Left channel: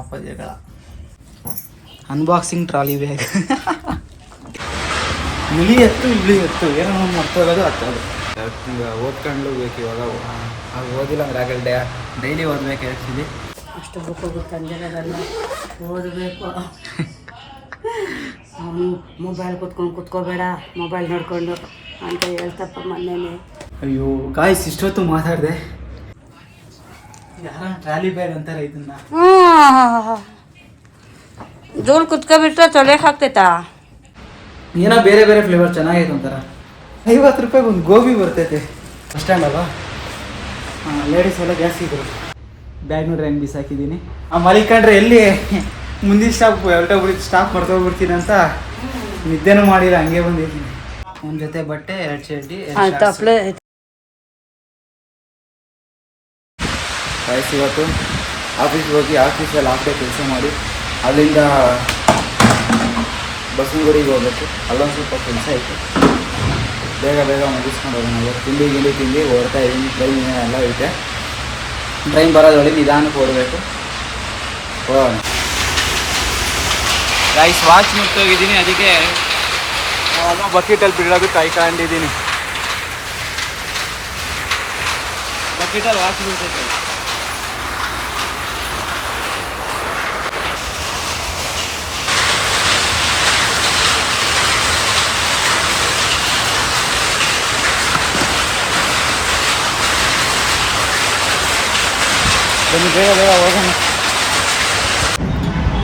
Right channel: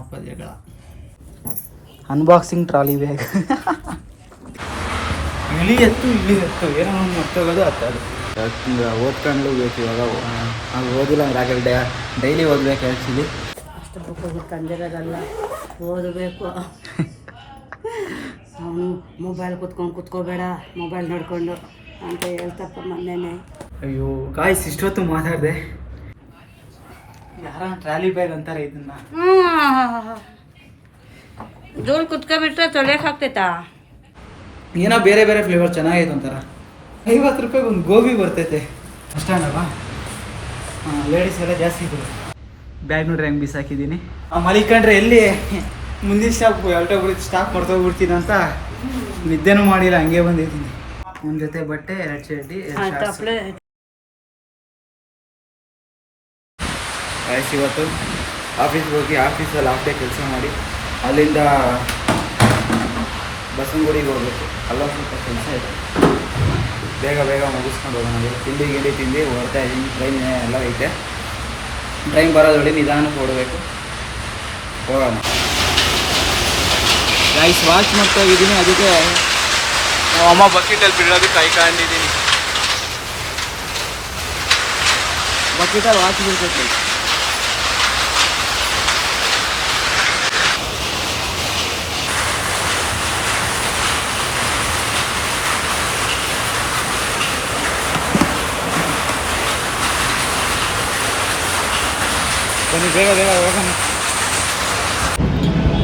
ಅಪ್ಪ ಜಗಳ. Unboxing trolley bag. ಇಳಿ ಎತ್ತು ಏನೋ ಮರ್ತೋಗೋದು ಹತ್ತೋದು. ಓದ್ಕೊಂಡು ಬೇಕು ಇವಾಗ. ಅದು ಓದಿಲ್ಲ ಅಂದ್ರೆ ಆಗಲ್ಲ. ಡೈಲಿ ಓದ್ಬೇಕು ಆ್ಯಕ್ಚುಲಿ. ಅಷ್ಟು ಬುಕ್ಕು ತಂದಿರೋದಲ್ಲ, ಓದಬೇಕು. ಮೊಬೈಲ್ ಕುತ್ಕೋಬೇಡ, ಮೊಬೈಲ್ ನೋಡಿಕೊಂಡು ಅಂತ ಹೇಳ್ತಪ್ಪ ಮೊನ್ನೆನೇ. ಅಯ್ಯೋ ಗಾಯ್ಸ್, ಇಷ್ಟೊತ್ತು ಮಾತಾಡಿದೆ. ಯಾರ ಟ್ರಾಲಿ ಬ್ಯಾಗ್ ಅಂತಾರೆ ಇದನ್ನ. ದೂರ ಕುತ್ಕೊಬಿಟ್ರೆ ತೊಳೆಯಕ್ಕೆ ಆಗ್ತೈತಾ? ಏನೋ ಬೇರೆ ಬೇರೆ ಫ್ಲೇವರ್ ಚೆನ್ನಾಗೈತೆ ಅಂತಾರ. 50 ರೂಪಾಯಿಗೆ ಒಂದು ಗೋಬಿ ಬರ್ತೈತೆ. ಬಸ್ ಸ್ಟ್ಯಾಂಡ್ ಅಲ್ವಾ? ಲೇಡೀಸ್ ಎಲ್ಲ ಜಾಸ್ತಿ ಇದ್ರು. ಬ್ಯಾಗ್ ನೋಡ್ರಿ ಹೆಂಗೆ ಬಿಸಾಕಿದ್ದೀನಿ. ಮಲಿಕೊಂಡ್ರೆ ಎಲ್ಲಿ ಮುಂದಿನ ಸ್ಟಾಪ್ ಸ್ಟಾಪ್ ಮರ್ತೋಗ್ಬಿಡ್ತೀನಿ ಅಂತ ನಿದ್ದೆನೂ ಮಾಡಿಲ್ಲ, ಹಂಗೆ ಬಂದಿದ್ದೀನಿ. ಒಂದು ಜೊತೆ ಬಟ್ಟೆ, 2 ಚಡ್ಡಿ, ಗಾಯ್ಸ್ ಇವತ್ತು ಆಫೀಸ್ಗೆ ಹೋಗಿ ಆಫೀಸಲ್ಲಿ ಹಾಫ್ ಡೇ ಕೆಲಸ ಮಾಡಿ ಅಲ್ಲಿಂದ ಬಸವನಗುಡಿಗೆ ಹೋಗ್ಬೇಕು. ಅಲ್ಲೊಂದು ಸ್ವಲ್ಪ ಕೆಲಸ ಐತೆ, ಬೇಗ ಮುಗಿಸ್ಕೊಂಡು ಹೋಗೋಣ. ತಿಂಡಿ ತಿಂದು ಓಡ್ತಾ ಇದ್ದೀನಿ. ಟ್ರೈನ್ ಎಲ್ಲ ಐತೆ, ಟ್ರೈನ್ ಬರೋದೊಳಗೆ ನಿಧಾನಕ್ಕೆ ಓಡಬೇಕು. ಹೋಗೋಣ. ಗಾಯ್ಸ್ ವಾಚ್ ಮರ್ತೋಗಿದ್ದೀನಿ, ಅದಕ್ಕೆ ಅಮ್ಮ ಬಕೆಟಲ್ಲಿ ಬಿಡೋದು ಕಾಯ್ಕೊಂಡಿದ್ದೀನಿ. ಬಕೆಟಲ್ಲಿ ವಾಚ್ ಬಿಡ್ತೈತೆ. ಬನ್ನಿ ಬೇಗ ಹೋಗೋಣ.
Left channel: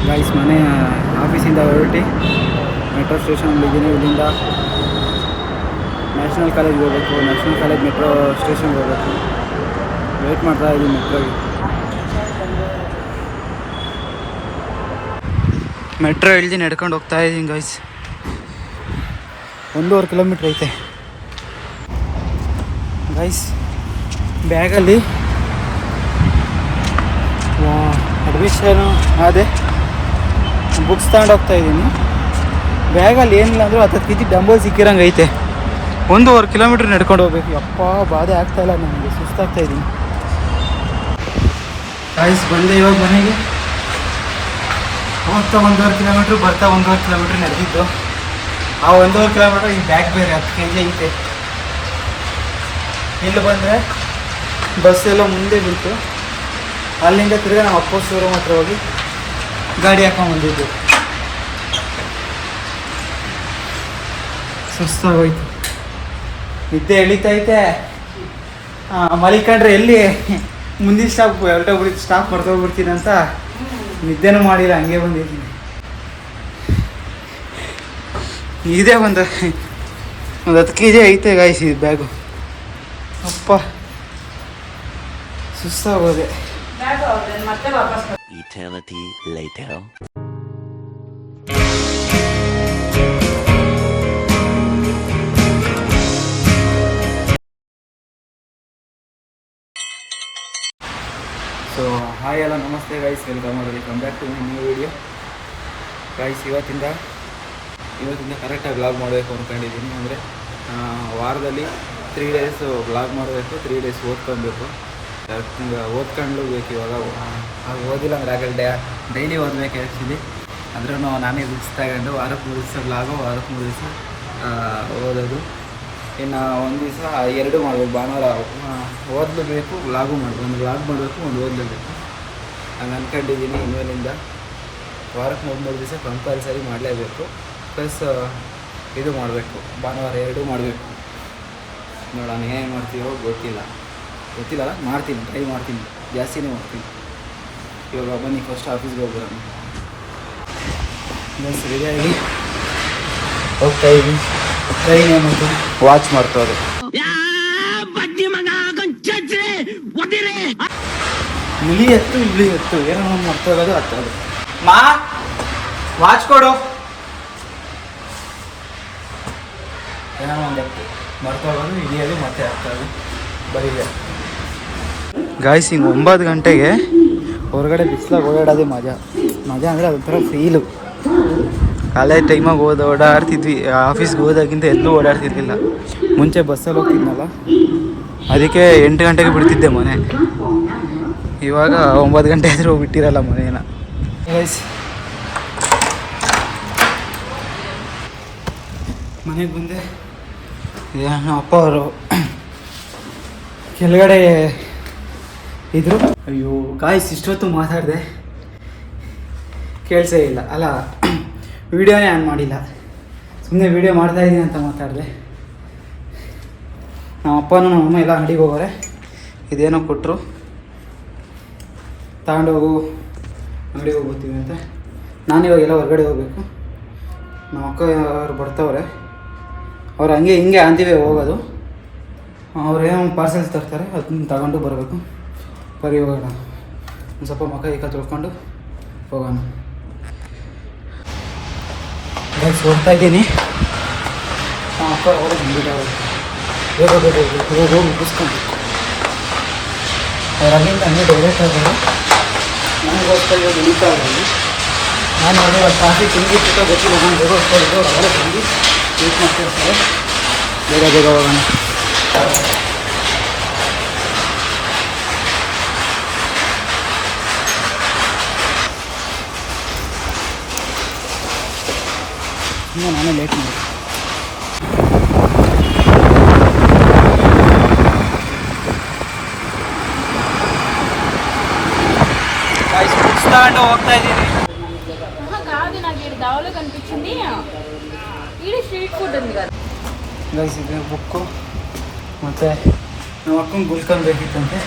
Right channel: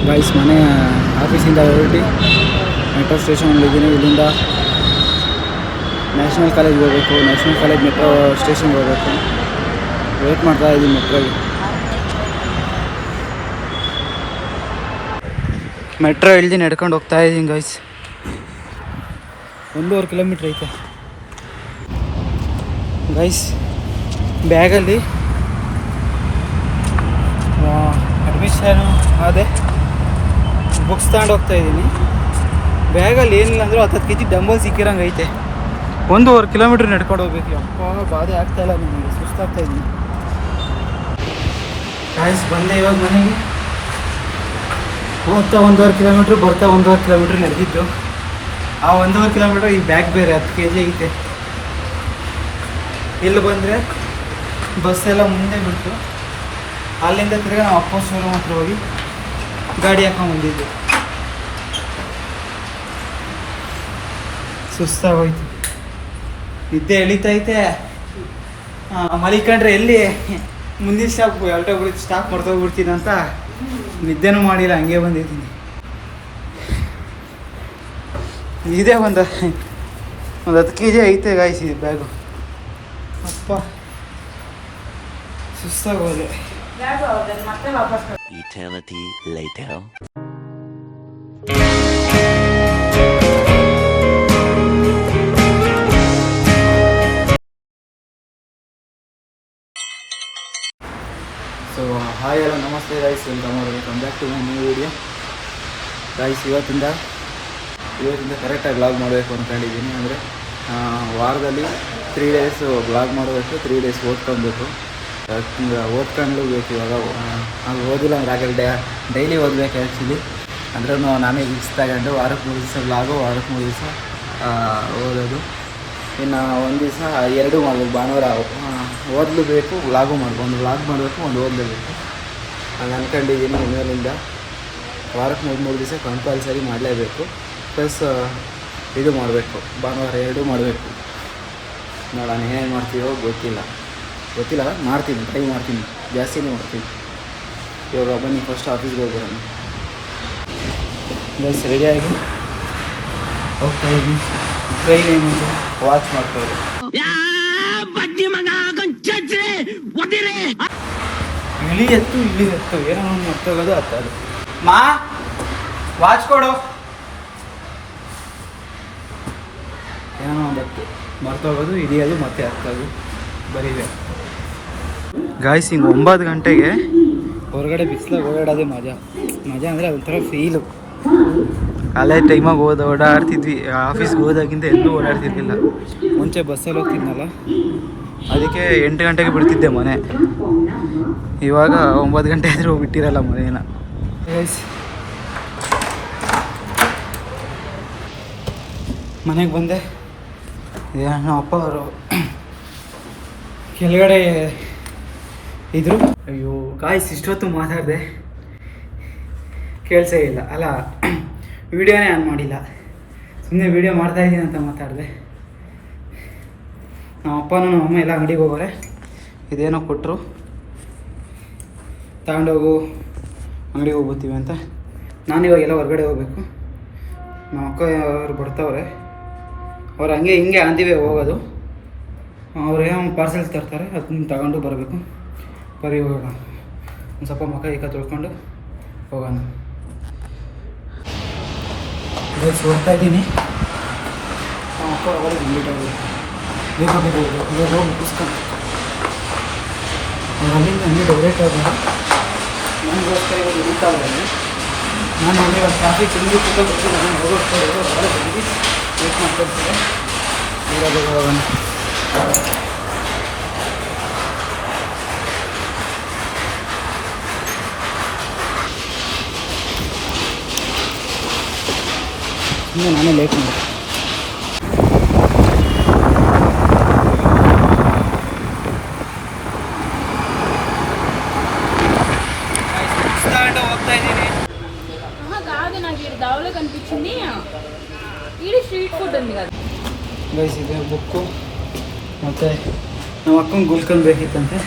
ಗಾಯ್ಸ್ ಮನೆ ಆಫೀಸಿಂದ ಹೊರಟಿ ಮೆಟ್ರೋ ಸ್ಟೇಷನಲ್ಲಿದ್ದೀನಿ. ಇಲ್ಲಿಂದ ನ್ಯಾಷನಲ್ ಕಾಲೇಜ್ಗೆ ಹೋಗಬೇಕು. ನ್ಯಾಷನಲ್ ಕಾಲೇಜ್ ಮೆಟ್ರೋ ಸ್ಟೇಷನ್ಗೆ ಹೋಗಬೇಕು. ವೇಟ್ ಮಾಡ್ತಾ ಇದ್ದೀನಿ ಮೆಟ್ರೋಗೆ. ಮೆಟ್ರೋ ಇಳಿದು ನಡ್ಕೊಂಡು ಹೋಗ್ತಾ ಇದ್ದೀನಿ ಗಾಯ್ಸ್. 1.5 ಕಿಲೋಮೀಟ್ರ್ ಐತೆ ಗೈಸ್. ಬ್ಯಾಗಲ್ಲಿ ಅಡ್ಮಿಷನು ಅದೇ ಬುಕ್ಸ್ ತಗೊಂಡು ಹೋಗ್ತಾ ಇದ್ದೀನಿ. ಬ್ಯಾಗಲ್ಲಿ ಏನಿಲ್ಲ ಅಂದರೂ 10 kg ಡಂಬಲ್ ಸಿಕ್ಕಿರಂಗೆ ಐತೆ. 1.5 ಕಿಲೋಮೀಟ್ರ್ ನಡ್ಕೊಂಡು ಹೋಗ್ಬೇಕು. ಯಪ್ಪ ಬಾಧೆ ಆಗ್ತಾಯಿಲ್ಲ, ನನಗೆ ಸುಸ್ತಾಗ್ತಾ ಇದ್ದೀನಿ. ಗಾಯ್ಸ್ ಬಂದೆ ಇವಾಗ ಮನೆಗೆ. ಹೋಗ್ತಾ 1.5 ಕಿಲೋಮೀಟ್ರ್, ಬರ್ತಾ 1.5 ಕಿಲೋಮೀಟ್ರ್ ನಡೆದಿದ್ದು. ಆ 1.5 ಕಿಲೋಮೀಟ್ರ್ ಈ ಬ್ಯಾಗ್ ಬೇರೆ 10 kg ಐತೆ. ಇಲ್ಲಿ ಬಂದರೆ ಬಸ್ಸೆಲ್ಲ ಮುಂದೆ ನಿಂತು ಅಲ್ಲಿಂದ ತಿರ್ಗಿ ನಾವು ಅಪ್ಪ ಶೋರೂಮ್ ಹತ್ರ ಹೋಗಿ ಗಾಡಿ ಹಾಕೊಂಡ್ಬಂದಿದ್ದು. ಸುಸ್ತಾಗೋಯ್ತು, ನಿದ್ದೆ ಎಳಿತೈತೆ. ಮಲಿಕೊಂಡ್ರೆ ಎಲ್ಲಿ ಮುಂದಿನ ಸ್ಟಾಪ್ ಮರ್ತೋಗ್ಬಿಡ್ತೀನಿ ಅಂತ ನಿದ್ದೆನೂ ಮಾಡಿಲ್ಲ, ಹಂಗೆ ಬಂದಿದ್ದೀನಿ. ಇದೇ ಒಂದು 10 kg ಐತೆ ಗಾಯ್ಸ್ ಇದು ಬ್ಯಾಗು. ಅಪ್ಪ ಸುಸ್ತಾಗೋದೆ. Eternity later. ಸೊ ಹಾಯ್ ಎಲ್ಲ ನಮಸ್ತೆ guys, welcome back to my new video guys. ಇವತ್ತಿಂದ ಕರೆಕ್ಟಾಗಿ ವ್ಲಾಗ್ ಮಾಡಬೇಕು ಅಂದ್ಕೊಂಡಿದ್ದೀನಿ. ಅಂದರೆ ವಾರದಲ್ಲಿ 3 ಡೇಸ್ ವ್ಲಾಗ್ ಮಾಡಬೇಕು, 3 ಡೇಸ್ ಓದ್ಕೊಬೇಕು. ಓದ್ಕೊಂಡು ಬೇಕು ಇವಾಗ. ಅದು ಓದಿಲ್ಲ ಅಂದ್ರೆ ಆಗಲ್ಲ. ಡೈಲಿ ಓದಬೇಕು ಆ್ಯಕ್ಚುಲಿ. ಅಂದ್ರೂ ನಾನೇ ರಿಕ್ಸ್ ತಗೊಂಡು ವಾರಕ್ಕೆ 3 ದಿವಸ ವ್ಲಾಗು, ವಾರಕ್ಕೆ 3 ದಿವಸ ಓದೋದು. ಇನ್ನು ಒಂದು ದಿವಸ 2 ಮಾಡಬೇಕು. ಭಾನುವಾರ ಓದಲೇಬೇಕು, ವ್ಲಾಗು ಮಾಡಬೇಕು. ಒಂದು ವ್ಲಾಗ್ ಮಾಡಬೇಕು, ಒಂದು ಓದಲೇಬೇಕು. ಹಂಗೆ ಅಂದ್ಕೊಂಡಿದ್ದೀನಿ. ಇನ್ಮೇಲಿಂದ ವಾರಕ್ಕೆ 3 ದಿವಸ ಕಂಪಲ್ಸರಿ ಮಾಡಲೇಬೇಕು. ಪ್ಲಸ್ ಇದು ಮಾಡಬೇಕು, ಭಾನುವಾರ 2 ಮಾಡಬೇಕು. ನೋಡೋಣ ಏನೇನು ಮಾಡ್ತೀವೋ ಗೊತ್ತಿಲ್ಲ, ಮಾಡ್ತೀನಿ, ಟ್ರೈ ಮಾಡ್ತೀನಿ, ಜಾಸ್ತಿನೇ ಮಾಡ್ತೀನಿ. ಇವಾಗ ಬನ್ನಿ ಫಸ್ಟ್ ಆಫೀಸ್ಗೆ ಹೋಗ್ಬರೋಣ. ಬಸ್ ರೆಡಿಯಾಗಿ ಹೋಗ್ತಾ ಇದ್ದೀನಿ. ಟ್ರೈನ್ ಏನುಂಟು ವಾಚ್ ಮಾಡ್ತವ್ರೆ. ಇಳಿ ಎತ್ತು ಏನೋ ಮರ್ತೋಗೋದು ಹತ್ತೋದು. ವಾಚ್ ಕೊಡು. ಏನೋ ಒಂದು ಹತ್ತು ಮರ್ತೋಗೋದು, ಇಳಿಯೋದು, ಮತ್ತೆ ಹತ್ತೋದು, ಬರೀದೆ ಗಾಯ್ಸ್. ಹಿಂಗೆ 9 ಗಂಟೆಗೆ ಹೊರಗಡೆ ಬಿಸಿಲಾಗ ಓಡಾಡೋದೇ ಮಜಾ ಅಂದರೆ ಅದೊಂಥರ ಫೀಲು. ಕಾಲೇಜ್ ಟೈಮಾಗ ಓಡಾಡ್ತಿದ್ವಿ. ಆಫೀಸ್ಗೆ ಹೋದಾಗಿಂತ ಎಲ್ಲೂ ಓಡಾಡ್ತಿರ್ಲಿಲ್ಲ. ಮುಂಚೆ ಬಸ್ಸಲ್ಲಿ ಹೋಗ್ತಿದ್ನಲ್ಲ, ಅದಕ್ಕೆ 8 ಗಂಟೆಗೆ ಬಿಡ್ತಿದ್ದೆ ಮನೆ. ಇವಾಗ 9 ಗಂಟೆ ಆದರೂ ಬಿಟ್ಟಿರಲ್ಲ ಮನೇನ. ಮನೆಗೆ ಬಂದೆ. ನಮ್ಮ ಅಪ್ಪ ಅವರು ಕೆಳಗಡೆ ಇದ್ರು. ಅಯ್ಯೋ ಗಾಯ್ಸ್, ಇಷ್ಟೊತ್ತು ಮಾತಾಡಿದೆ, ಕೇಳಿಸೇ ಇಲ್ಲ. ಅಲ್ಲ, ವೀಡಿಯೋನೇ ಆನ್ ಮಾಡಿಲ್ಲ, ಸುಮ್ಮನೆ ವೀಡಿಯೋ ಮಾಡ್ತಾಯಿದ್ದೀನಿ ಅಂತ ಮಾತಾಡಿದೆ. ನಮ್ಮ ಅಪ್ಪನೂ ನಮ್ಮ ಅಮ್ಮ ಎಲ್ಲ ಅಂಗಡಿಗೆ ಹೋಗೋರೆ. ಇದೇನೋ ಕೊಟ್ಟರು, ತಗೊಂಡೋಗು ಅಂಗಡಿಗೆ ಹೋಗ್ಬೋತೀವಿ ಅಂತ. ನಾನಿವಾಗೆಲ್ಲ ಹೊರಗಡೆ ಹೋಗಬೇಕು. ನಮ್ಮ ಅಕ್ಕ ಅವರು ಬರ್ತಾವ್ರೆ. ಅವ್ರು ಹಂಗೆ ಹಿಂಗೆ ಅಂತೀವಿ ಹೋಗೋದು. ಅವ್ರು ಏನೋ ಒಂದು ಪಾರ್ಸೆಲ್ಸ್ ತರ್ತಾರೆ, ಅದನ್ನ ತಗೊಂಡು ಬರಬೇಕು. ಬರೀ ಹೋಗೋಣ, ಒಂದು ಸ್ವಲ್ಪ ಮುಖ ಈಗ ತೊಳ್ಕೊಂಡು ಹೋಗೋಣ. ಬೈಕ್ಸ್ ಹೋಗ್ತಾ ಇದ್ದೀನಿ. ನಮ್ಮ ಅಕ್ಕ ಅವರೇ ಬಂದಿದ್ದಾರೆ. ಬೇಗ ಬೇಗ ಹೋಗ್ಬೇಕು, ಇವಾಗ ಹೋಗಿ ಮುಗಿಸ್ಕೊಬೇಕು. ಅವ್ರು ಅಲ್ಲಿಂದ ಹಂಗೆ ಹೊರಡ್ತಾ ಇದ್ದಾರೆ. ನನಗೋಸ್ಕರ ಇವಾಗ ಹಿಡಿತಾವ್ರೆ ಅಲ್ಲಿ. ನಾನು ನೋಡಿ ಇವಾಗ ಟ್ರಾಫಿಕ್ ಹೆಂಗಿತ್ತು ಗೊತ್ತಿಲ್ಲ. ನಾನು ಹೋಗೋಸ್ಕೊಳ್ಳೋದು ಅವ್ರು ಅವರೇ ಬಂದು ವೇಟ್ ಮಾಡ್ತಿರ್ತಾರೆ. ಬೇಗ ಬೇಗ ಹೋಗೋಣ. ಇನ್ನು ನಾನೇ ಲೇಟ್ ಮಾಡಿ. ಹೋಗ್ತಾ ఇದ್ದೀನಿ. కాదు నాకు ఇక్కడ దావలో కనిపించింది ఇది స్ట్రీట్ ఫుడ్ ఉంది కదా ಗೈಸ್, ಇದೆ ಬುಕ್ಕು. ಮತ್ತು ನಮ್ಮ ಅಕ್ಕಂಗೆ ಗುಲ್ಕನ್ ಬೇಕಿತ್ತಂತೆ,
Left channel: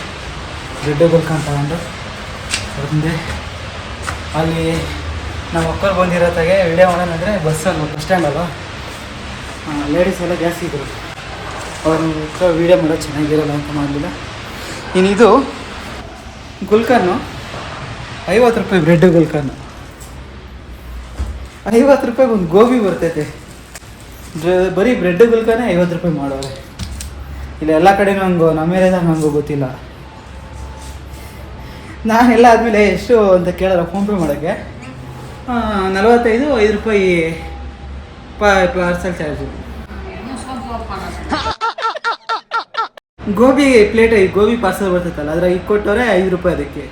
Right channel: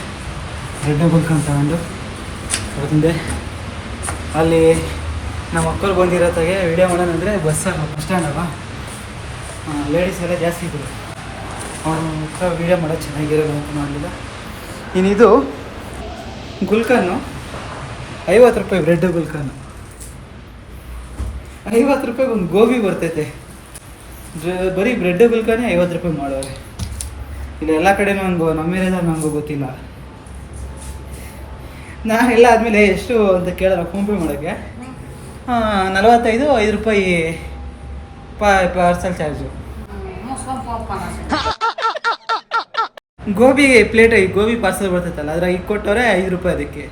ಬ್ರೆಡ್ ಗುಲ್ಕನ್ ತಗೊಂಡು ಬಂದೆ. ಅಲ್ಲಿ ನಮ್ಮ ಅಕ್ಕರು ಬಂದಿರೋತ್ತಾಗೆ ವಿಡಿಯೋ ಮಾಡೋಣಂದರೆ ಬಸ್ಸಲ್ಲ, ಬಸ್ ಸ್ಟ್ಯಾಂಡ್ ಅಲ್ವಾ, ಲೇಡೀಸ್ ಎಲ್ಲ ಜಾಸ್ತಿ ಇದ್ದರು. ಅವ್ರ ಹತ್ರ ವೀಡಿಯೋ ಮಾಡೋದು ಚೆನ್ನಾಗಿರಲ್ಲ ಅಂತ ಮಾಡಲಿಲ್ಲ. ಇನ್ನಿದು ಗುಲ್ಕನ್ನು 50 ರೂಪಾಯಿ, ಬ್ರೆಡ್ ಗುಲ್ಕನ್ನು 50 ರೂಪಾಯಿಗೆ ಒಂದು ಗೋಬಿ ಬರ್ತೈತೆ. ಬರೀ ಬ್ರೆಡ್ ಗುಲ್ಕನೇ 50 ರೂಪಾಯಿ ಮಾಡೋರೆ. ಇಲ್ಲ ಎಲ್ಲ ಕಡೆ ಮ್ಯಾಂಗೋ, ನಮ್ಮ ಏರಿಯಾದಾಗ ಮ್ಯಾಂಗೋ ಗೊತ್ತಿಲ್ಲ. ನಾನೆಲ್ಲ ಆದಮೇಲೆ ಎಷ್ಟು ಅಂತ ಕೇಳಲ್ಲ ಫೋನ್ಪೇ ಮಾಡೋಕ್ಕೆ. 45 5 ರೂಪಾಯಿ parcel charge. Gobi plate, gobi parcel ಬರ್ತೈತಲ್ಲ, ಅದ್ರ ಈಗ ಕೊಟ್ಟವ್ರೆ 5 ರೂಪಾಯಿ ಅದಕ್ಕೆ.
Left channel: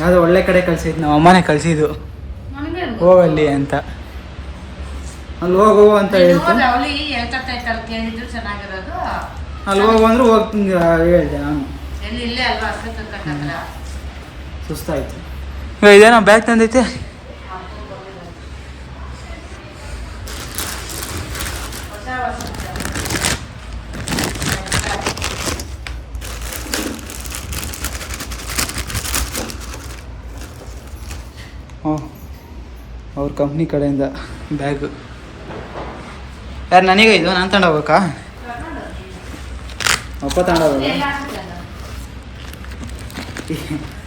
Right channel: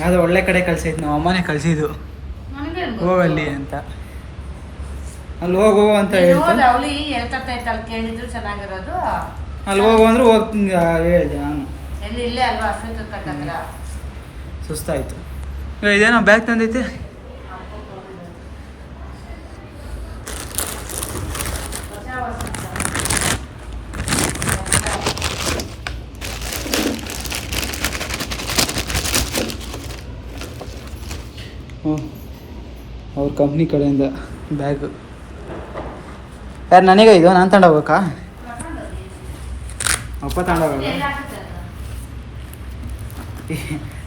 ಯಾವುದೋ ಒಳ್ಳೆ ಕಡೆ ಕಳ್ಸಿದ್ದು, ನಮ್ಮ ಅಮ್ಮನೇ ಕಳಿಸಿದ್ದು ಹೋಗಲ್ಲಿ ಅಂತ. ಅಲ್ಲಿ ಹೋಗು ಅಂತ ಹೇಳ್ತು. ಅಲ್ಲಿ ಹೋಗು ಅಂದ್ರೆ ಹೋಗಿ ಹೇಳಿದೆ ನಾನು. ಸುಸ್ತಾಯಿತು. ಇದೇನೋ ಬ್ಯಾಗ್ ತಂದೈತೆ. ಅವ್ರ ಕಂಪ್ನಿ ಕಡೆಯಿಂದ ಬ್ಯಾಗು. ಯಾರು ನನಗೆ ಇದು? ನಾನು ತಗೊಂಡೋಗ್ಬೇಕಾ? ಅಪ್ಪ ತಗೊಂಡೋಗಲ್ಲ.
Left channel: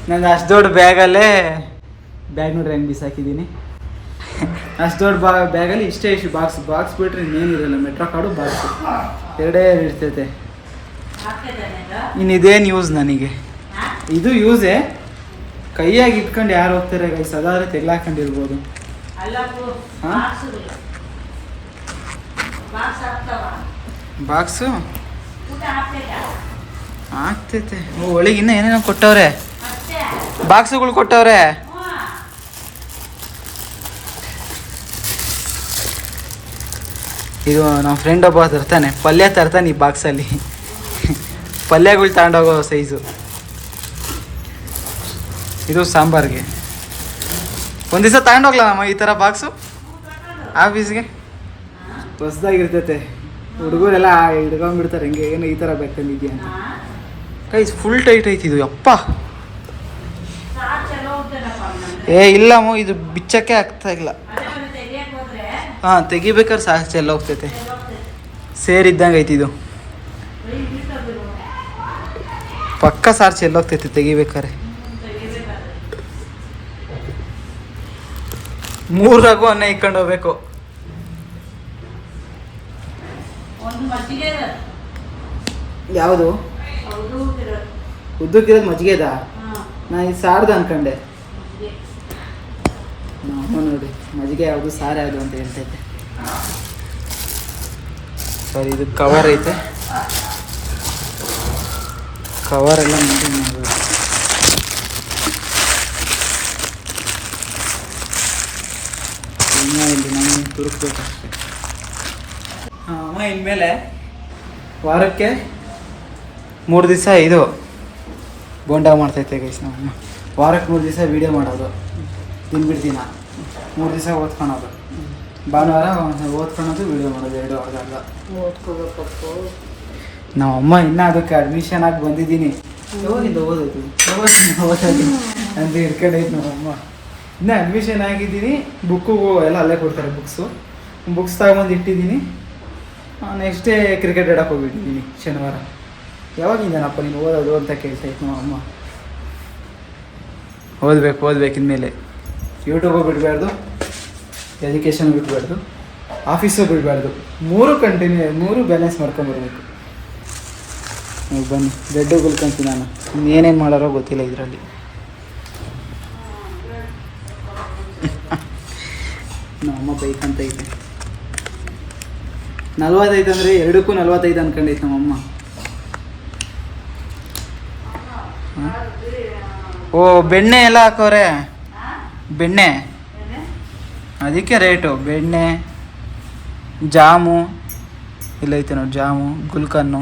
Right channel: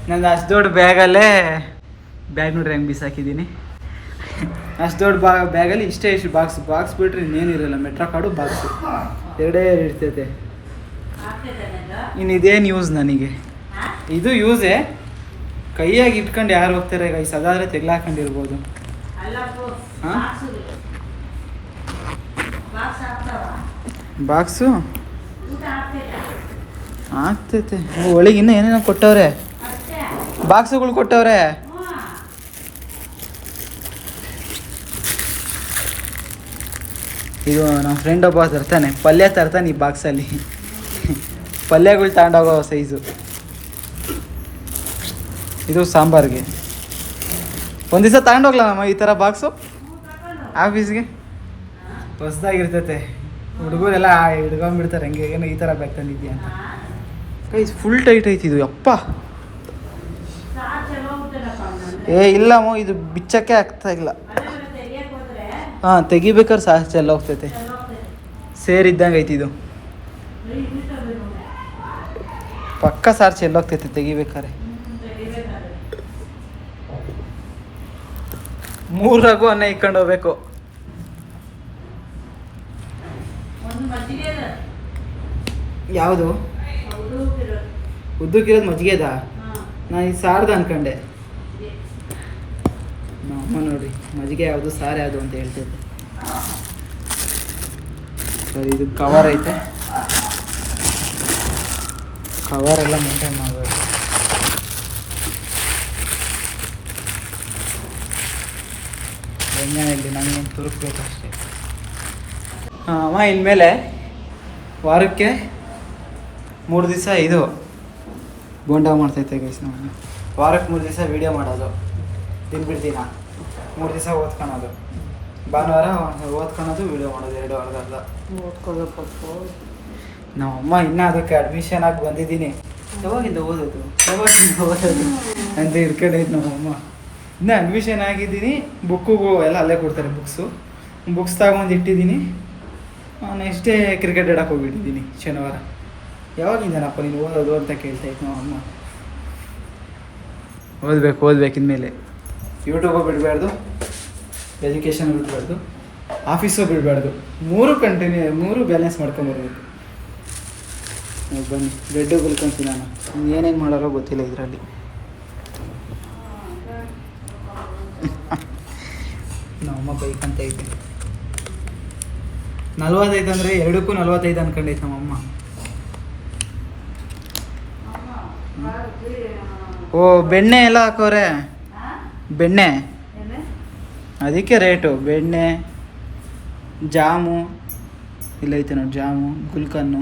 ನಂದು ಅಷ್ಟು ದೊಡ್ಡ ಬ್ಯಾಗಲ್ಲೇ ಬ್ಯಾಗ್ ನೋಡ್ರಿ ಹೆಂಗೆ ಬಿಸಾಕಿದ್ದೀನಿ. ಅಷ್ಟು ದೊಡ್ಡ ಬ್ಯಾಗಲ್ಲಿ ಇಷ್ಟೇ ಬಾಕ್ಸ್ ಬಿಟ್ರೆ ಇನ್ನೇನಿರಲ್ಲ. ಮೆಟ್ರೋ ಕಾರ್ಡು ಬಾಕ್ಸು ಎರಡೇ ಇರ್ತೈತೆ. ಇನ್ನು ಇದೇನು ಯೂಸ್ ನನಗೆ? ಇದು ಯೂಸೇ, ಕೈಯಾಗಿ ಇಟ್ಕೊಂಡು ಯಾರು ಹೋಗ್ತಾರೆ ಗೈಸ್? ಅದಾದರೆ ತೆಗ್ಲಾಕೊಂಡಿರ್ಬೋದು. ಹಾಂ, ಬಾಕ್ಸು ಆಗ್ತೈತೆ. ಒಳಗೆ ಇನ್ನೂ ಏನೇನೋ ಕೊಟ್ಟವ್ರೆ, ಬಾಕ್ಸುಗಳು ಕೊಟ್ಟವ್ರೆ. ಇದು ನಮ್ಮ ಫ್ರೆಂಡ್ ಒಬ್ಬ ತರ್ತಾನೆ, ಪಲ್ಯ ತರ್ತಾನೆ ಈ ಬಾಕ್ಸಲ್ಲಿ. ಪಲ್ಯಗಳು ತಗೊಂಡೋಗೋ ಸೈಜು. ಇದು ಸಾಂಬಾರಿಗೆ. ಒಂದು ದಿವಸ ತಗೊಂಡೋಗ್ಲ ನಮ್ಮ ಈ ಥರ ಬಾಕ್ಸು ಆಫೀಸ್ಗೆ. ಹೊಸ್ದಾಗಿರ್ತೈತೆ. ಹುಡುಗರೆಲ್ಲ ಹಿಡ್ಕೊಂಡ್ಬಿಡ್ತಾರೆ ಹಂಗೆ, ಏನೋ ಈ ಥರ ಬ್ಯಾಗ್ ತಂದಿದ್ಯಾ ಅಂತ. ಗೈಸ್ ಫುಲ್ ಟೈಟ್ ಐತಿ ಇದು. ಅಪ್ಪ ಇಲ್ಲಮ್ಮ, ಇದು ಬಿಚ್ಚಕ್ಕೆ ಆಗ್ತಾ ಇಲ್ಲ. ಹಾಂ, ತೆಗಿಬೇಕಾದ್ರೆ ಸಾಕು ಎಲ್ಲ ಹೋಗ್ತೈತೆ. ಸೇರಿದ್ದಂಗೆ ಐತಿ ಇದು. ಪಕ್ಕ ಸಾರ್ ಚೆಲ್ಲೋಗ್ತೈತೆ ತೆಗಿಬೇಕಾರೆ. 3 ರಘು ಅನ್ನ ಇಕ್ಕೊಂಡು ಹೋಗ್ಬೇಕು. ಯಾವುದು ಉದ್ದಕ್ಕಿರೋದು? ಮಜ್ಜಿಗೆದ? ನಾನು ಇದು ಸಾರ್ದು ಅನ್ಕೊಂಡೆ. ನಾವು ನೋಡಿ ಮಜ್ಜಿಗೆ ಯಾವುದು ಸಾರು ಯಾವುದು ಅಂತ ಹೇಳ್ತೈತೆ. ಸರಿ ಇದು ಕವರ್ ಐತೆ, ಕವರ್ ಎಲ್ಲ ಮೇಂಟೈನ್ ಮಾಡಬೇಕು. ಇಲ್ಲಿ ನಮಗೆ ತುರುಕ್ಬೇಕಷ್ಟೆ. ಅಮ್ಮ ಇನ್ಮೇಲೆ ವಾರಕ್ಕೆ 3 ದಿವಸ ಇದು ಬೋಂಡ ಮಾಡ್ತೈತೆ ಗೈಸ್ ನಮ್ಮಮ್ಮ. ವಾರಕ್ಕೆ 3 ದಿವಸ ವೀಡಿಯೋ ಮಾಡೋದು, ದಿನ 3 ದಿವಸ ಓದ್ಕೊಳೋದು. ಭಾನುವಾರ ಓದ್ಕೊಳೋದು, ವೀಡಿಯೋ ಮಾಡೋದು 2 ವಾರದಲ್ಲ. ಓದ್ಕೊಳ್ಬೇಕು. ನಮ್ಮಮ್ಮ ಇನ್ನೂ ಅದಕ್ಕೆ ಅಡ್ಮಿಷನ್ ಆಗಿ ಬಂದಿದ್ದೀನಿ, ಯಾವಾಗಿಂದ ಓದೋದು ಅಂತ ಹಿಡ್ಕೊಂಡೈತೆ ನಮ್ಮಮ್ಮ. ಇನ್ನೂ ಅಡ್ಮಿಷನ್ ಆಗಿದ್ದೀನಿ, ಬುಕ್ಕಿಗೂ ಎಲ್ಲ ಅಲ್ಲೇ ಕೊಡ್ತಾರೆ. ಬುಕ್ಸ್ ತಗೊಂಡು ಇಟ್ಟಿದ್ದೀನಿ. ನೆಕ್ಸ್ಟ್ ಡೇ ಕ್ರಿಕೆಟ್ ಆಡೋಕೆ ಹೋಗ್ಬಿಟ್ಟಿದ್ದೀನಿ ಶನಿವಾರ. ಯಾವಾಗಿಂದನಪ್ಪ ನೀನು ಓದೋದು ಅಂತ ಕೇಳ್ತಾಯಿತ್ತು ನಮ್ಮಮ್ಮ. ಓದಬೇಕು ಇನ್ಮೇಲೆ. ಯೂಟ್ಯೂಬು ಬಿಡಬಾರ್ದು, ಎಜುಕೇಷನ್ ಬಿಡಬಾರ್ದು, ಆಫೀಸು ಬಿಡಬಾರ್ದು. 3 ಬ್ಯಾಲೆನ್ಸ್ ಮಾಡ್ಕೊಂಬರ್ಬೇಕು. ಬನ್ನಿ ಬೆಡ್ಡು ಗುಲ್ಕೊಂತೀನಿ ನಾನು. ಏನೇನು ಮಾಡೋರೋ ಗೊತ್ತಿಲ್ಲ ಇದರಲ್ಲಿ. ನಮ್ಮಮ್ಮ ಬೈಕ್ ಅಂತ ಐತೆ 45 ಅಂದರೆ 2ಕ್ಕೂ 45 ಅನ್ಕೊಂಡೈತೆ ನಮ್ಮಮ್ಮ. ಓ ಬೆಣ್ಣೆ ಎಲ್ಲ ಹಾಕೋರೆ, ಬೆಣ್ಣೆ ಅದಕ್ಕೆ ರೇಟು. ಬೆಣ್ಣೆ, ಜಾಮು ಇಲ್ಲೈತೆ ನೋಡಿ, ಜಾಮು ಗುಲ್ಕನ್ನು,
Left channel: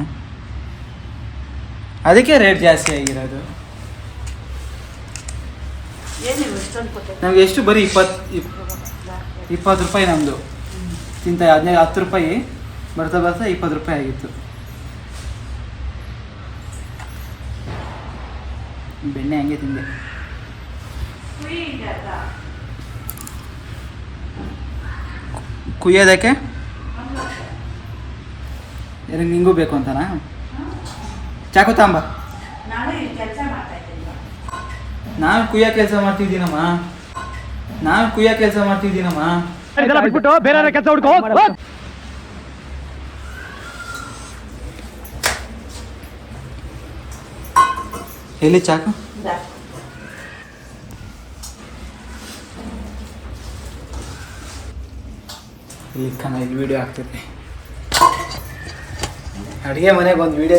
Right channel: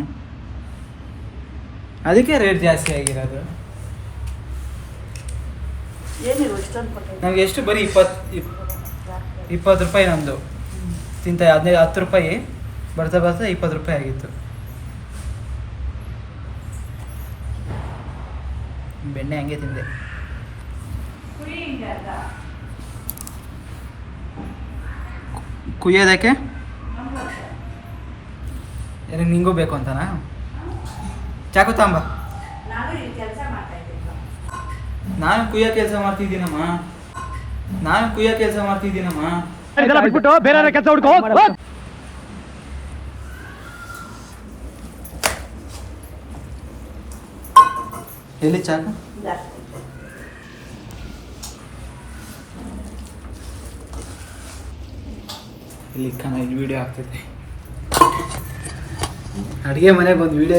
ಅದಕ್ಕೆ ರೇಟ್ ಜಾಸ್ತಿ ಆಗಿರೋದು. ನಮಗೆ ಎಷ್ಟು ಬರೀ 20 ರೂಪಾಯಿ ನಮ್ಮದು ತಿಂತ. 10 ರೂಪಾಯಿ ಬರ್ತಾ 20 ರೂಪಾಯಿ ಆಗಿತ್ತು. ಬೆಣ್ಣೆ ಹಂಗೆ ತಿಂದೆ. ಕುಯ್ಯೋದಕ್ಕೆ ನಿಂಗೂ ಬೇಕು ಅಂತನಾ? ಚಾಕು ತಾಂಬ. ನಾನು ಕುಯ್ಯೋ ಕೆಲಸ ಮಾಡ್ತಿದ್ದೀನಮ್ಮ. ಬೇರೆ ಕೆಲಸ ಹುಡ್ಕೋ. ಎಲ್ಲಿ ಚಾಕು? ಇಲ್ಲಿ ವಿಡಿಯೋ ಆಗ್ತೈತೆ. ಅಡುಗೆ ಮನೆಗೆ ಒಂದು ವಿಡಿಯೋ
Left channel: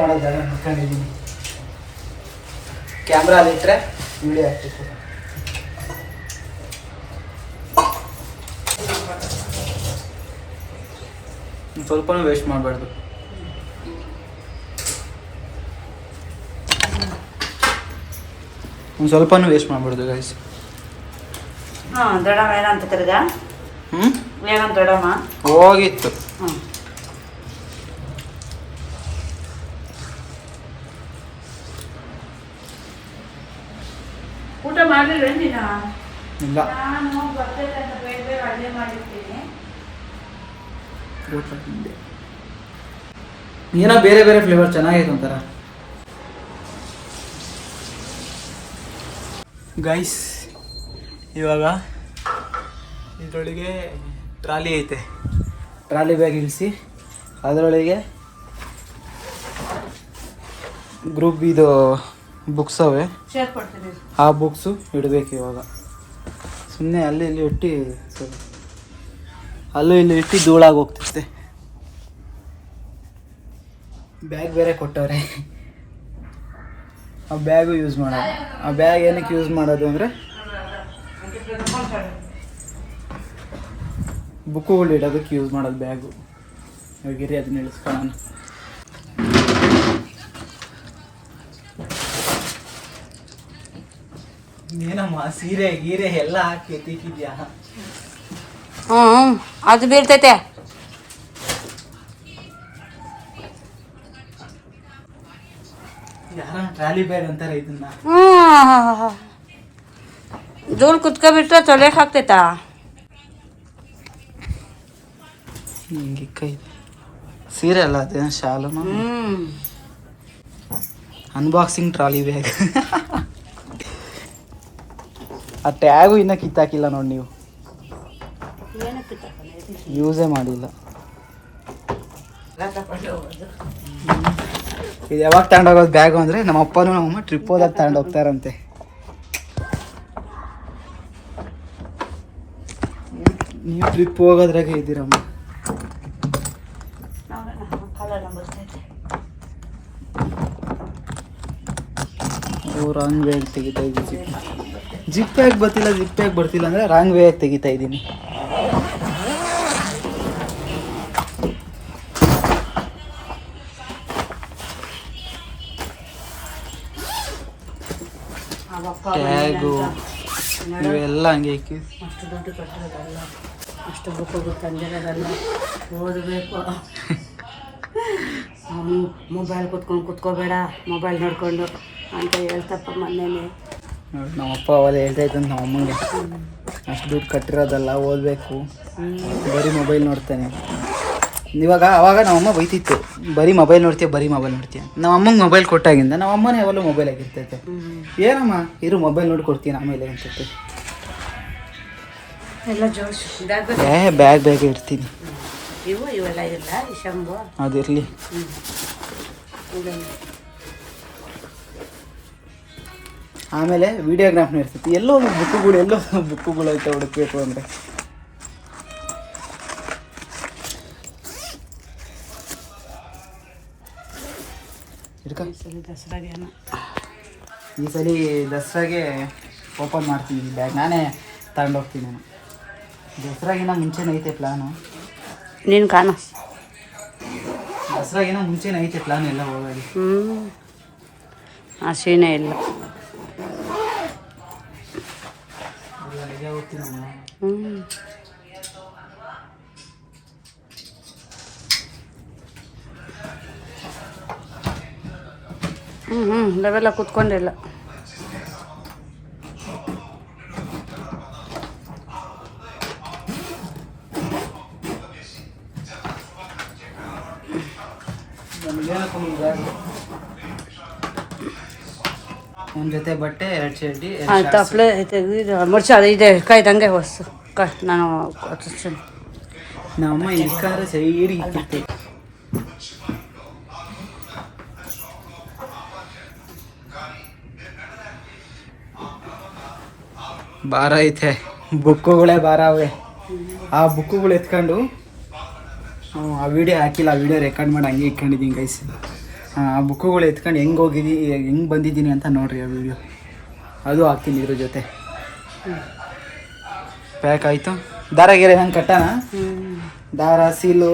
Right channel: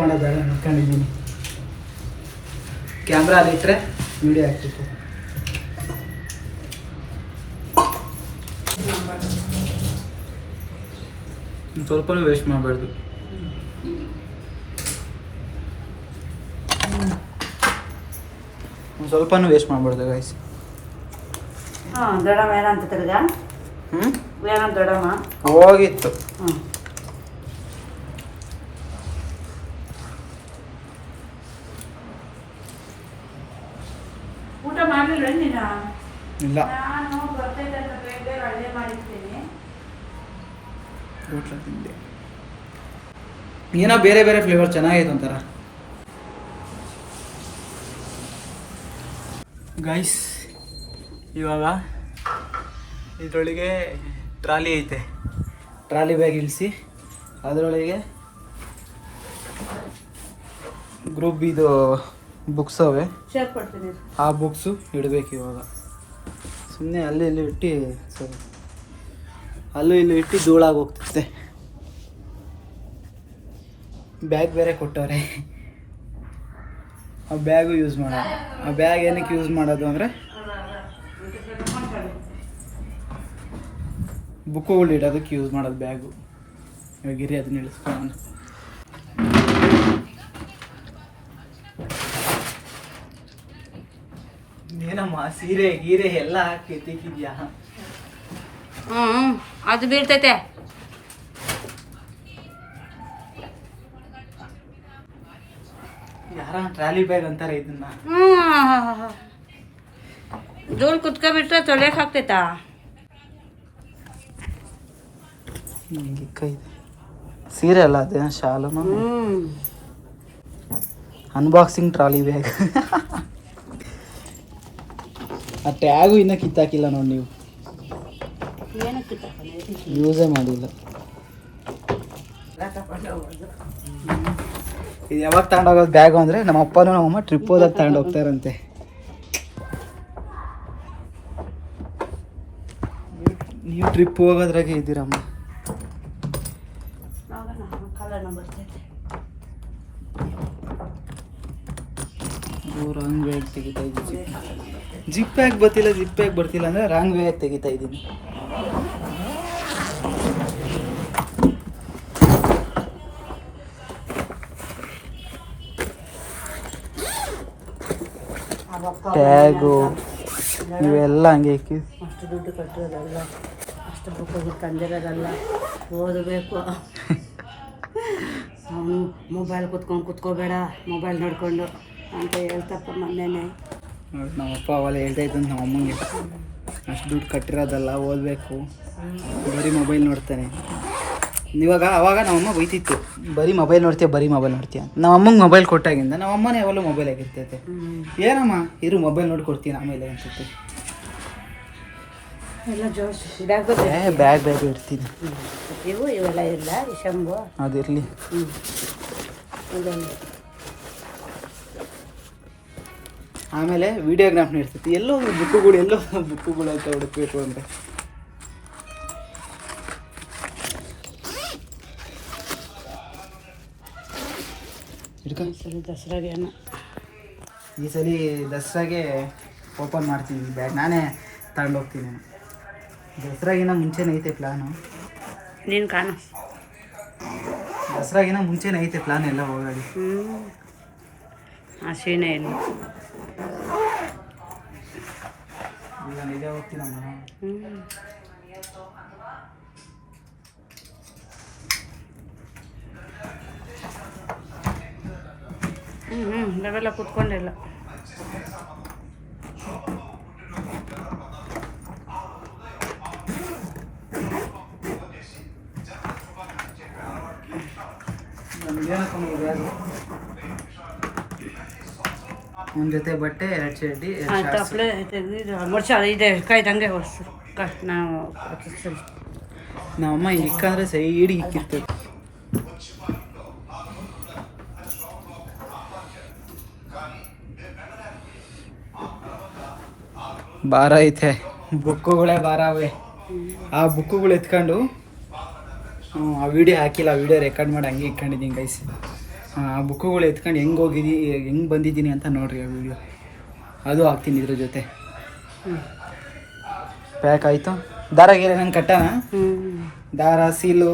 ಮಾಡೋ ಜಾಗ ನೋಡ್ಕೊಂಡಿದ್ದೀನಿ. ಕ್ಯಾಮ್ರಾ ಅಲ್ಲಿಟ್ಟರೆ ವಿಡಿಯೋ ಆಗ್ತೈತೆ. ಸ್ವಲ್ಪನೂ ವೇಸ್ಟ್ ಮಾಡಬಾರ್ದು. ಸ್ವಲ್ಪನೂ ವೇಸ್ಟ್ ಮಾಡಬಾರ್ದು ಗೈಸ್. ದೊಡ್ಡಮ್ಮ ಏನಂತ ತಿರ್ಗ ಏನಂತ ದೊಡ್ಡಮ್ಮ ಹೋಗಿತ್ತು. ಊಟ ಮಾಡಲಿಲ್ಲ ನೀನು? ಇಲ್ಲ, ನಾನು ಬರ್ತೇನೆ ಅಂತ ಬೇಗ ಅಡುಗೆ ಮಾಡಿರ್ತೀನಿ. ಊಟ ತಿಂದೆ. ಏನೋ ಬೇರೆ ಬೇರೆ ಫ್ಲೇವರ್ ಚೆನ್ನಾಗೈತೆ ಒಂಥರ. ಗೈಸ್ ಇವಾಗ ಇದರೊಳಗೆ ಟ್ರಾಲಿ ಐತೆ. ಟ್ರಾಲಿ ಬ್ಯಾಗ್ ಇಳಿಸಿ ಅದರೊಳಗೆ ಗ್ರೂಪ್ ಇದು ಬುಕ್ಸ್ ಅವೆ, ಸೇರ್ಕೊಡ್ತೀನಿ. ಆ ಬುಕ್ಸು ಇಡಬೇಕು ಇವಾಗ. ಸುಮ್ಮನೆ ಅಲ್ಲಿ ಇಲ್ಲಿ ಇಟ್ಟು ಅಲ್ಲೂ ಇಲ್ಲಿ ಇಟ್ಟು ಧೂಳಾಗಿ ಹೋಗ್ತಿರುತ್ತೆ. ಬ್ಯಾಗ್ ಬೇರೆ ಕೊಟ್ಟವ್ರೆ, ಆ ಬ್ಯಾಗು ಯೂಸ್ ಮಾಡೋದು. ಆ ಬ್ಯಾಗ್ ಏನಕ್ಕೆ ಯೂಸ್ ಮಾಡೋದು ಅಂದರೆ ಬುಕ್ಕುಗಳು ಇಡೋದಕ್ಕೆ ಯೂಸ್ ಮಾಡೋದು ಬ್ಯಾಗು. ಇವಾಗಿರಿ ಅದನ್ನ ಇಳಿಸ್ಕೊಳ್ಳೋಣ. ಏನಮ್ಮ ಸೀರೆ ಗೀರೆ ಎಲ್ಲ ಹಾಕಿ ಎತ್ತಿಕ್ಕಿದ್ಯಾ? ಅದು ಬೀಳ್ತೈತೆ. ಯಾರ ಟ್ರಾಲಿ ಬ್ಯಾಗ್ ಅಂತಾರೆ ಇದನ್ನ. ಧೂಳು ಕುತ್ಕೊಬಿಟ್ರೆ ತೊಳೆಯಕ್ಕೆ ಆಗ್ತೈತಾ? ಹಿಂಗೆ ಕೈ ಸೀರೆ ಅಲ್ಲ ಅದೇನೋ ಶಾಲು. Unboxing trolley bag. ಆ ಟ್ಯಾಗು ಇನ್ನೂ ಕಿತ್ತಾಕಿಲ್ಲ ನೋಡಿ ನೀವು, ಯೂಸೇ ಮಾಡಿಲ್ಲ. ಇದು ಯಾವಾಗ ತಗೊಂಡೋಗೋದು ಬ್ಯಾಗು ಅಂದರೆ ನಮ್ಮ ಅಪ್ಪನೂ ನಮ್ಮಮ್ಮ ಟ್ರಿಪ್ ಹೋದಾಗ ತಗೊಂಡೋಗ್ತಾರಂತೆ. ನೀವು ಟ್ರಿಪ್ ಹೋಗೋದ್ರಾಗೆ ಇದ್ದೀರಮ್ಮ. ರಾಂಗ್ ವೇ ತೆಗಿತಾ ಇದ್ದೀನಿ. ಜಿಪ್ ಯಾಕೆ ಬರ್ತಿಲ್ಲ ಅಂದರೆ ರಾಂಗ್ ವೇ ತೆಗಿತಾ ಇದ್ದೀನಿ. ಟ್ಯಾಗು ಇವೆಲ್ಲ ಹಂಗೆ ಇಕ್ಕಿ ಅಷ್ಟು ದುಡ್ಡು ಕಟ್ಟಿರೋದಲ್ಲ, ಅಷ್ಟು ಬುಕ್ಗಳು ತಂದಿರೋದಲ್ಲ, ಓದಬೇಕು. ಅವನು ಮೊಬೈಲ್ ಕುತ್ಕೋಬೇಡ, ಮೊಬೈಲ್ ನೋಡ್ಕೊಂಡು ಅಂತ ಹೇಳ್ತಪ್ಪ ಮೊನ್ನೆನೇ. ನಮ್ಮಪ್ಪ ಅವೆಲ್ಲ ಹೇಳ್ತಾ ಇದ್ದಂತ ನಮ್ಮ ಅಮ್ಮಂಗೆ, ಅಷ್ಟು ದುಡ್ಡು ಕಟ್ಟಿರೋದಲ್ಲ, ಓದಬೇಕು, ಬರೀ ಮೊಬೈಲ್ ನೋಡ್ತಾನೆ. ಅವಾಗ ನಮ್ಮಮ್ಮ ಬೈತಿತ್ತು, ಬರೀ ಮೊಬೈಲ್ ನೋಡ್ತೀಯ. ನಮ್ಮಮ್ಮಂಗೆ ಮೊಬೈಲ್ ಕೊಟ್ಟಾಗಿಂದ ನಮ್ಮಮ್ಮನೇ ಯಾವಲ್ಲೂ ಮೊಬೈಲ್ ಆಗಿರ್ತೈತೆ. ಏನಮ್ಮ ಇರು ಮೊಬೈಲ್ ನೋಡಿ ಕೊಡ್ತೀನಿ ಆಮೇಲೆ ಅನ್ಸುತ್ತೆ. ಎಲ್ಲ ಜೋಶ್ ಬ್ಯಾಗ್ ಇರ್ತೀನಿ. ಇವೆಲ್ಲ ಇಲ್ಲ, ಶಂಭು ಅದಿರಲಿ. ಆಮೇಲೆ ವಿಡಿಯೋಗ್ರಾಫ್ನ ಇರ್ತೈತಿ. ಎಲ್ಲೋ ಬುಕ್ಕುಗಳು ಐತೆ ಹುಡುಕ್ಬೇಕು ಅಂದರೆ. ದಸರಾಗೇನು ಈ ಸಲ ದಸರಾಗೆ ಓಪನ್ ಮಾಡ್ತೀನಿ ಬ್ಯಾಗ್, ನಾನೇ ತಗೊಂಡೋಗ್ತೀನಿ. ನಾನು ದಸರಾಗಿನ ಮುಂಚೆನೇ ಐತೆ ಪ್ಲ್ಯಾನು. ನೀನು ಕಾಣ ದಸರಾಗಿನ ಮುಂಚೆನೇ ಐತೆ ಪ್ಲ್ಯಾನ್ ಎಲ್ಲ ಹೋಗೋದು. ಆ ಸೀನೆ ಇಲ್ಲ. ನಿಜ ಹೋಗ್ತೀನಮ್ಮ. ನಾವೆಲ್ಲ ಕೂತ್ಕೊಂಡಿಲ್ಲ. ಒಂದು ಜೊತೆ ಬಟ್ಟೆ, 2 ಚಡ್ಡಿ, ಆಯ್ತು ಅಪ್ಲೆ ಇದು ಮಡ್ಚ ಇದೆ ಕಾಯ್ದಂಗೆ ಹೊಸ್ತು ನಾನು ಹೊತ್ತಿಸ್ತೀನಿ. ನಮ್ಮಮ್ಮ ಇಕ್ಕಾದ್ರೆ ಸೈಡಿಗೆ ಇಕ್ಕಿರ್ತೈತೆ. ಭಾರ ಐತೆ, ಬುಕ್ಕುಗಳೇ ಭಾರ ಅವೆ. ಆ ಬುಕ್ಕುಗಳು ಎತ್ಕೊಂಡು ಆ ವಿಡಿಯೋ ಹಾಕಿಲ್ಲ, ಆ ವಿಡಿಯೋ ರೆಕಾರ್ಡ್ ಮಾಡಿ ಹಂಗೆ ಇಟ್ಕೊಂಡಿದ್ದೀನಿ ಗೈಸ್. ಆ ಬುಕ್ಕುಗಳು ಎತ್ಕೊಂಡು ಹೆಂಗೆ ಬಂದಿದ್ದೀನಿ ಅಂತ ನೋಡ್ರಿ ಆ ವಿಡಿಯೋ, ಅದು ಹಾಕ್ತೀನಿ ಇದ್ರ ಜೊತೆ. ಪ್ಯಾಕ್ ಆಯಿತು. ದಾರ ಗೀರೆ ನಾನು ಕಟ್ಟಾನ, ದಾರ ಸೀಲು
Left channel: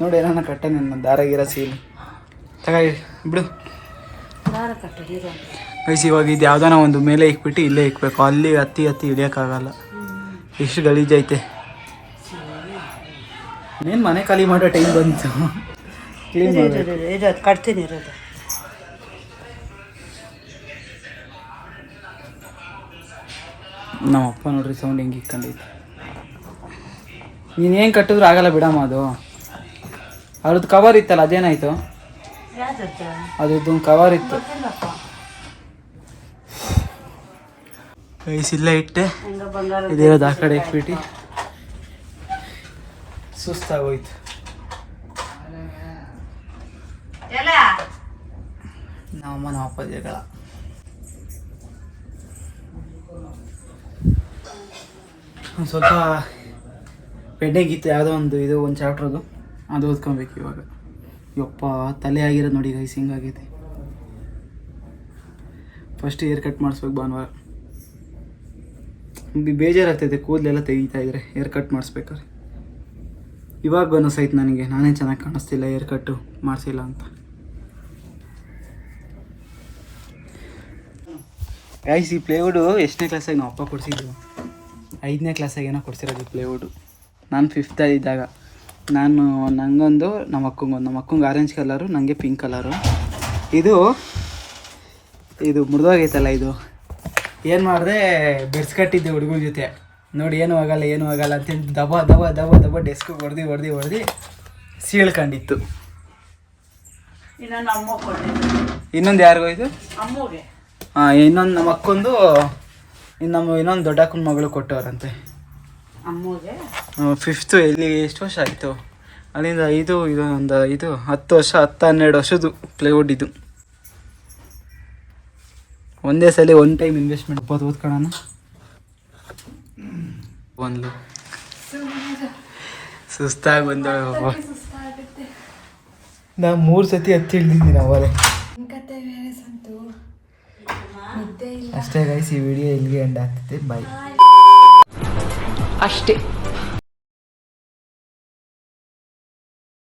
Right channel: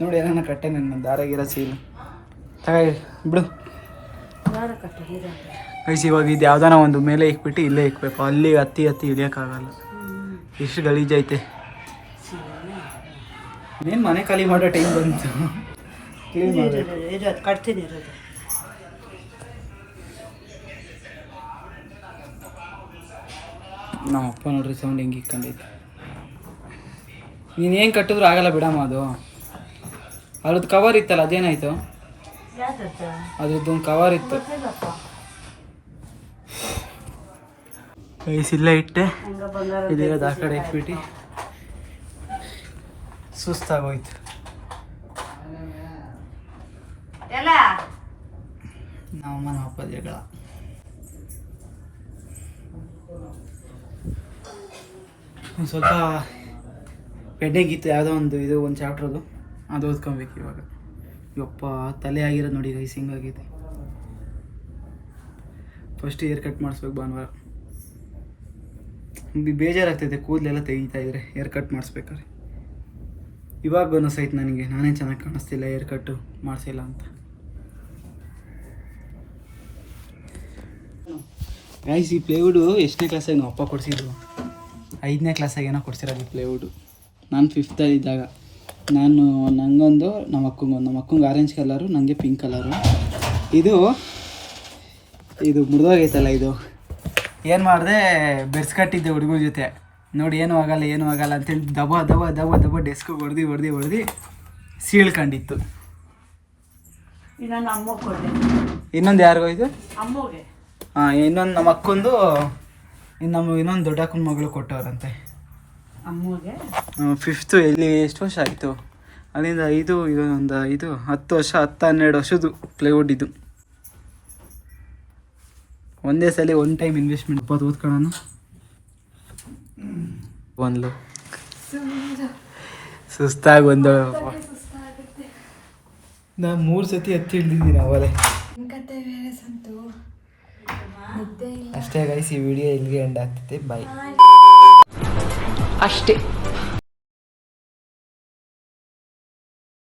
ನೋಡಿ ಏನಾನ ಕಟ್ಟಾನೆ ನನ್ನ ದಾರ ಗೀರ ಸೀಲು ಬಿಡು ಗೈಸ್. ಇವಾಗ ಇದು ಯಾವ್ದಾನ ಒಂದು ಮೇಲೆ ಇಕ್ಬಿಟ್ಟು ಇಲ್ಲೇ ಇಕ್ಬೇಕು, ಅಲ್ಲಿ ಹತ್ತಿ ಇಳಿಯೋಕ್ಕಾಗಲ್ಲ, ಎಷ್ಟು ಗಲೀಜೈತೆ. ಇನ್ನೇನು ಮನೆ ಖಾಲಿ ಮಾಡೋ ಟೈಮ್ ಬಂತು, ಕ್ಲೀನ್ ಮಾಡಬೇಕು. ಇದು ಕಟ್ತೀನಿ ಇರೋದು. ನಮ್ಮ ಅಪ್ಪ ನೋಡ್ರಿ ಸೌಂಡ್ ಹೆಂಗೆ ಇಟ್ಕೊಂಡೈತೆ. ನೀನು ಏನು ಕಟ್ಟಿದ್ರು ಆಗಲ್ಲ ಬಿಡಮ್ಮ. ಅದು ಅದ್ರದ್ದು ಕವರ್ ಇತ್ತಲ್ಲ, ಅದೇನಾಯಿತು? ಅದ್ರದ್ದೊಂದು ಕವರ್ ಇತ್ತು ಗೈಸ್, ಇಲ್ಲೇ ಇಟ್ಟೆ. ಇದೇನದು ಆ ಕಡೆ ಇಟ್ಬಿಟ್ಟು ಸುಸ್ತಾಗೋಯ್ತು. ನಮ್ಮ ಅಪ್ಪ ಜಗಳ. ಒಂದು ಸ್ವಲ್ಪ ಪೆಂಡಿಂಗಿತ್ತು ಯಾವುದೋ ಒಂದು ಚಾಪ್ಟ್ರದು, ಅದು ಓದ್ಕೊಬೇಕು ಇವಾಗ. ಯಪ್ಪ ತಲೆ ಆಗಿರೋದು ನೋಡಿ ಗೈಸ್, ಹಿಂಗಾಗೈತೆ. ಫಸ್ಟ್ ಏರ್ ಕಟ್ ಮಾಡಿಸ್ಬೇಕು ಭಾನುವಾರ. ಬೇಜಾರಾಗ್ತೈತೆ ಕೂದಲೆಲ್ಲ ತೆಗಿತಾ ಇದ್ರೆ ಏರ್ ಕಟ್ ಮಾಡಿಸ್ಬೇಕಾದ್ರೆ. ಇವಾಗ ಅನ್ನಿಸೈತೆ ನನಗೆ, ನಾನೇ ಚೆನ್ನಾಗಿ ಕಾಣಿಸ್ತಿಲ್ಲ ಏರ್ ಕಟ್ಟು ಮಾಡಿಸಿಲ್ಲ ಅಂತ. ಗೈಸ್ ಈ ಪ್ಲೇವುಡು ಎಷ್ಟನೇ ಕ್ಲಾಸಾಗಿ ನಾವು ಅಪ್ಪ ಕೊಡಿಸಿದ್ದು? 5ನೇ ಕ್ಲಾಸಾಗಿ ಏನೋ ಕೊಡಿಸಿರೋದು ಈ ಪ್ಲೇವುಡು. ನಾನು 5th ಇದ್ದಾಗ. ನನಗೊಂದು, ನಮ್ಮ ಅಕ್ಕಂಗೆ ಆರೆಂಜ್ ಕಲರು, ನನಗೆ ಪಿಂಕ್ ಕಲರು. ಇದು ಮುರಿದೋಗೈತಲ್ಲ, ಇದು ಏನು ಮಾಡಿದೆ, ಬೆರ್ಸ್ಕಟ್ಟಿದ್ದೆ ಹುಡುಗರ ಜೊತೆ. ನೋಡಿ ಏನೂ ಆಗಲ್ಲ ಅಂತೇಳಿ ದಬ ಡೆಸ್ಕಿಗೆ ಹೊಡೆದು ಸೀಳ್ಕೊಂಡಿತ್ತು. ಇನ್ನೊಂದು ಯಾರಿಗೋಯ್ತು? ಹಾಂ, ಇನ್ನೊಂದು ನಮ್ಮ ಅಕ್ಕೊಂದು, ಇನ್ನೊಂದು ದೊಡ್ಡ ಅಕ್ಕನ ಮಗಳು ಕೊಟ್ಟವ್ರಂತೆ 5th. ಎಲ್ಲಿ ಎಷ್ಟು ವರ್ಷ ಆಯಿತು ಅಲ್ಲಿಂದ? ಇದು 10 ವರ್ಷ, 10-12 ವರ್ಷದ್ದು ಪ್ಲೇವುಡ್ ಇದು. ಒಂದೇ ಸಲ ಒನ್ ಟೈಮ್ ಇನ್ವೆಸ್ಟ್ಮೆಂಟ್. ಓದ್ಕೊಳ್ಳೋಣ ಒಂದು ಸುಸ್ತಾಗಿ ಬಂದೋಳೆ ಪಾಪ. ನಾ 3 ಸತಿ ಹತ್ತಿ ಹಿಡ್ದಿದ್ದೀನಿ ಅವಲೇ. ಅಷ್ಟೇ ಗೈಸ್, ಈ ವಿಡಿಯೋ ಇಲ್ಲಿಗೆ ಎಂಡ್ ಆಗ್ತೈತೆ. ಬಾಯ್. ಅಷ್ಟೇ.